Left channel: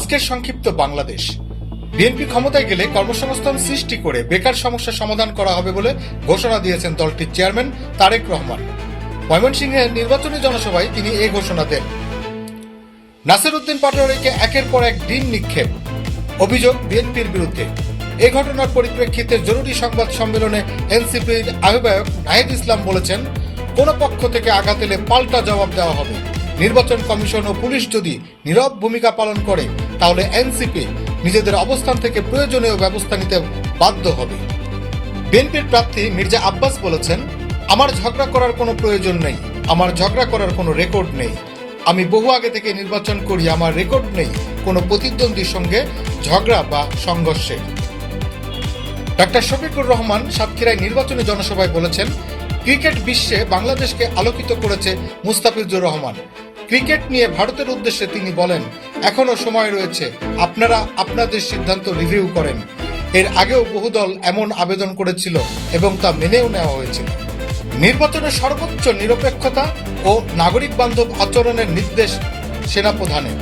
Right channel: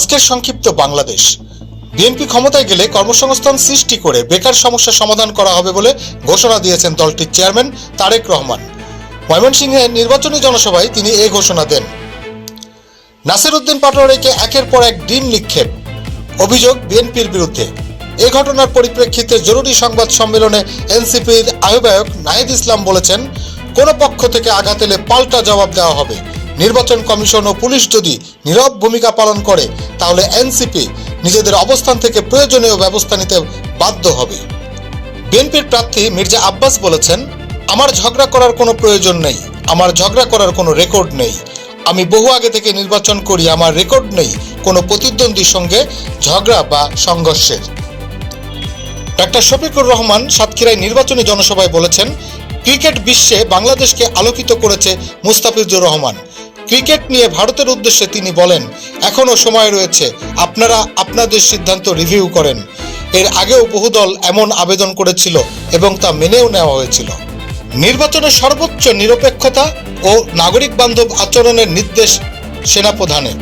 আজকের সংক্ষিপ্ত বাংলাদেশ। বিএনপি ক্ষমতায় গেলে কর্মসংস্থান সৃষ্টি করে বেকার সমস্যা সমাধান করা হবে বলে ঘোষণা দিয়েছেন দলটির চেয়ারম্যান তারেক রহমান। ময়মনসিংহে নির্বাচনী জনসভায় তিনি এই ঘোষণা দেন। নাসির উদ্দিন পাটোয়ারিকে একের পর এক ডিম নিক্ষেপ, অভিযোগ বিএনপির বিরুদ্ধে। এই ঘটনার পরিপ্রেক্ষিতে জরুরি সংবাদ সম্মেলনে এনসিপির আহ্বায়ক নাহিদ ইসলাম বলেছেন, কোনো পক্ষ থেকে আঘাত এলে পাল্টা জবাব দেওয়া হবে। নির্বাচন কমিশন ও পুলিশ যদি নীরব ভূমিকা পালন করে তাহলে এনসিপি নিজেদের অবস্থান থেকে প্রয়োজনীয় ব্যবস্থা নিতে বাধ্য হবে। বিএনপির প্রার্থী মির্জা আব্বাস বলেছেন, আমার ঝগড়া করার কোনো প্রয়োজন নেই, আমার ঝগড়া করার কোনো রেকর্ড নেই। আমি বহু আগে থেকে নির্বাচন করি, আমার রেকর্ড নেই কোনো প্রতিদ্বন্দ্বীর সঙ্গে ঝগড়া বা সংঘর্ষের। ডাক্তার শফিকুর রহমান সাতক্ষীরায় নির্বাচনী জনসভায় বলেছেন, ক্রিকেট বিশ্বে বাংলাদেশকে আলোকিত করেছে মুস্তাফিজুর রহমান। ক্রিকেট নিয়ে ভারতের উদ্দেশ্যে তিনি বলেন, এখনো সময় রয়েছে, আপনারা আপনাদের সিদ্ধান্ত রিভিউ করেন। এর আগেও বহু দল এমন আবেদন করেছিল এবং তা মেনেও নেওয়া হয়েছিল। নির্বাচনের সর্বোচ্চ নিরপেক্ষতা ও নাগরিক বান্ধব আচরণের নির্দেশ সেনাপ্রধানের।